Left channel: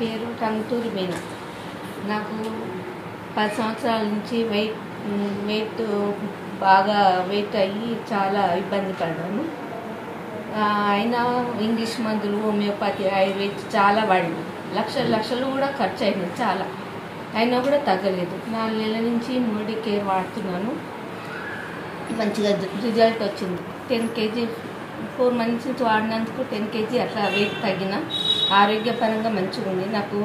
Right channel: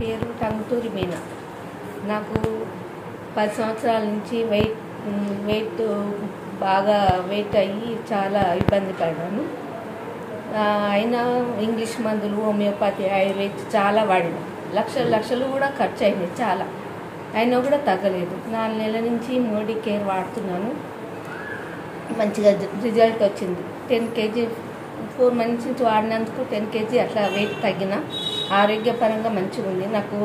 పేరు టంగుటూరి మీను. నాకు 10 సంవత్సరాల నుంచి వెయిట్ బాగా వెయిట్ అయ్యి చాలా ఇబ్బంది పడ్డాను. అయినా ఇంగ్లీష్ మందులు, హోమియోపతి, ఆయుర్వేద చాలా వాడింది. లక్షలు కూడా ఖర్చు అయినాయి చాలా. అయినా కూడా తగ్గలేదు. 4 నెలల నుంచి మోడీ కేర్ వాడుతున్నాను. మంచిగా రిజల్ట్ వచ్చింది. 10 kg 4 months నుంచి వాడినందుకు 10 kg అట్లా వెయిట్ తగ్గిన. ఆరోగ్యపరంగా మంచిగా ఉంది. నాకు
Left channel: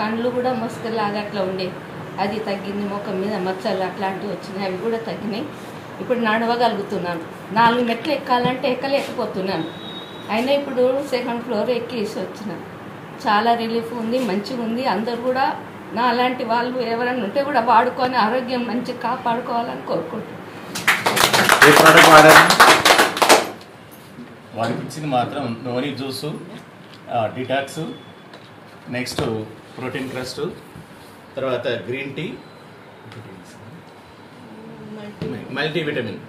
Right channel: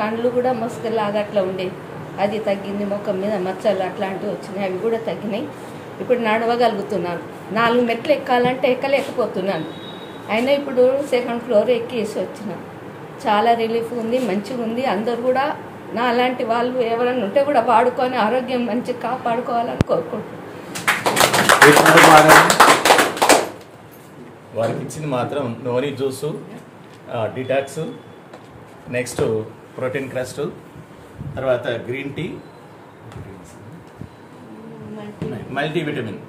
కళ్ళు కూడా మస్కలాగా అట్లా ఉండేది, అది తగ్గింది. ముఖం మీద మచ్చలు అట్లాంటివి వచ్చినాయి, అవి కూడా తగ్గినాయి. ఇప్పుడు నడవగలుగుతున్నాను. 4 మెట్లు ఎక్కాలంటే ఎక్కలేకపోతున్నాను. అయినా ఇప్పుడు 2nd floor ఎక్కేసి వచ్చిన. చాలా రిలీఫ్ ఉంది, మంచిగా ఉంది. అందరు కూడా నా అలాంటి వాళ్ళు ఎవరైనా ఉంటే కూడా వాడుకొని ఆరోగ్యం మంచిగా కాపాడుకోవాలని కోరుకుంటున్నాను. వారికి ఇచ్చింది మాత్రం noni juice, detox, next protein crust, తర్వాత గ్రీన్ టీ, మల్టీవిటమిన్.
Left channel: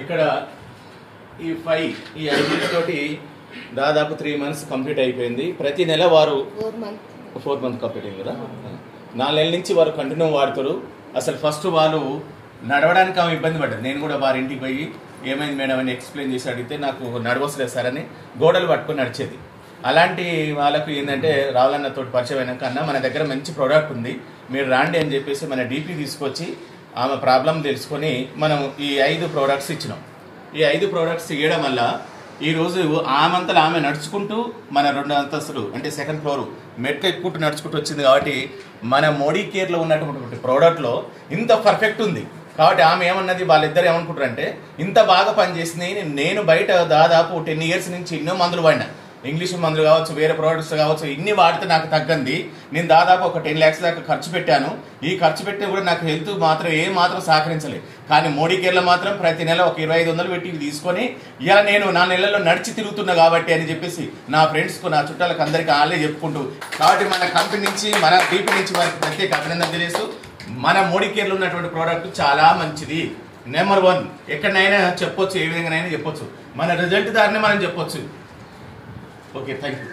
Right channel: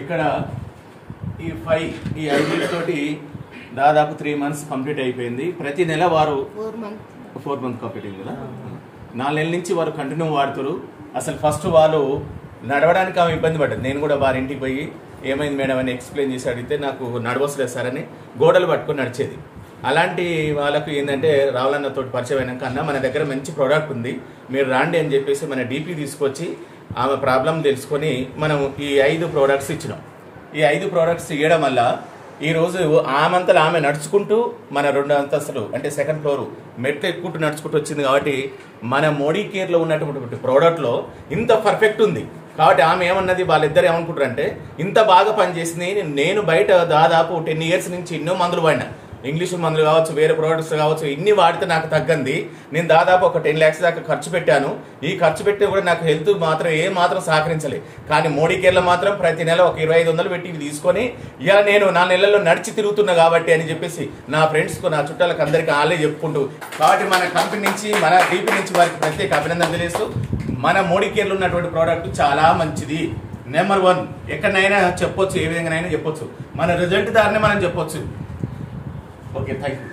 ఇక్కడ ఈ 5 తోటి దాదాపు 3 months కంప్లీట్ అయిపోయింది. ప్రతి నెల వారు 4 months కంప్లీట్ అయింది కదా. 4 నెలల నుంచి వారు కంటిన్యూ వాడుతారు. అసలు ఫస్ట్ వాళ్ళు నడవడానికి ఆమె ఇబ్బంది పడ్డది. నేను కూడా వారి ఇంటికి పోయి ఏమైంది మేడం అని ఎక్స్ప్లెయిన్ చేసి అడిగితే నాకు నడవసలేదు సార్ అని గోడలు పట్టుకొని నడిచేది. అలాంటి వాళ్ళకు ఏంటంటే రావాలన్నతో పరిచయం అయినాక అన్న మన దగ్గర మంచి ప్రోడక్ట్ ఉంది, మీరు రాండి అని చెప్పేసి మన డీపీ తీసుకొచ్చి ఆమె ప్రాబ్లం తెలుసుకొని మనం ఈ 5 ప్రోడక్ట్స్ ఇచ్చినాం. ఈ 5 ప్రోడక్ట్స్ ఇవ్వడం వల్ల ఈరోజు ఆమెంతలో ఆమె నడుచుకుంటూ మన 2 అంతస్తులు అంటే 2nd floor మెట్లు ఎక్కుంటూ నడుచుకుంటూ వచ్చింది. కాబట్టి మన మోడీ కేర్లో ఉన్నటువంటి ప్రోడక్ట్లో ఇంత పర్ఫెక్ట్ ఉంది. కాబట్టి ఆమె ఏమన్నది, వాళ్ళిద్దరు ఏమనుకుంటారు అంటే ఇంత బాగా పనిచేసింది. నేను బయట దాదాపు 10 years నుంచి ఎన్నో మందులు వాడినా, ఇంగ్లీష్ మందులు కావచ్చు, వేరే ప్రోడక్ట్స్ కావచ్చు, ఇన్ని వాడితే నాకు తగ్గంది. నేను దాదాపు ఒక 10 lakhs దాకా ఖర్చు పెట్టాను. ఈ ఖర్చు పెట్టి కూడా నాకు హెల్త్ మాత్రం మాత్రం సహకరించలేదు. కానీ మోడీ కేర్లో మాత్రం ప్రతి నెల ఒక 2500 పెట్టి తీసుకొని ఇలా నేను 4 నెలల్లో నడిచి తిరుగుతున్నా కాబట్టి అని చెప్పేసి నా ఫ్రెండ్స్కు, నా చుట్టాలకు అందరికీ వాళ్ళే చెప్పుకుంటూ, కాబట్టి మన కంపెనీ నుంచి, మన డీపీ నుంచి వారికి ప్రత్యేక అభినందన తెలియజేస్తూ, మన మోడీ కేర్లో ఉన్నటువంటి ప్రోడక్ట్ చాలా మంచిది, నెంబర్ 1. ఎక్కడైనా చెప్పొచ్చు, ఏ విధంగానైనా చెప్పొచ్చు, మన రిజల్ట్ దారినే మనం చెప్పొచ్చు. Okay, thank you.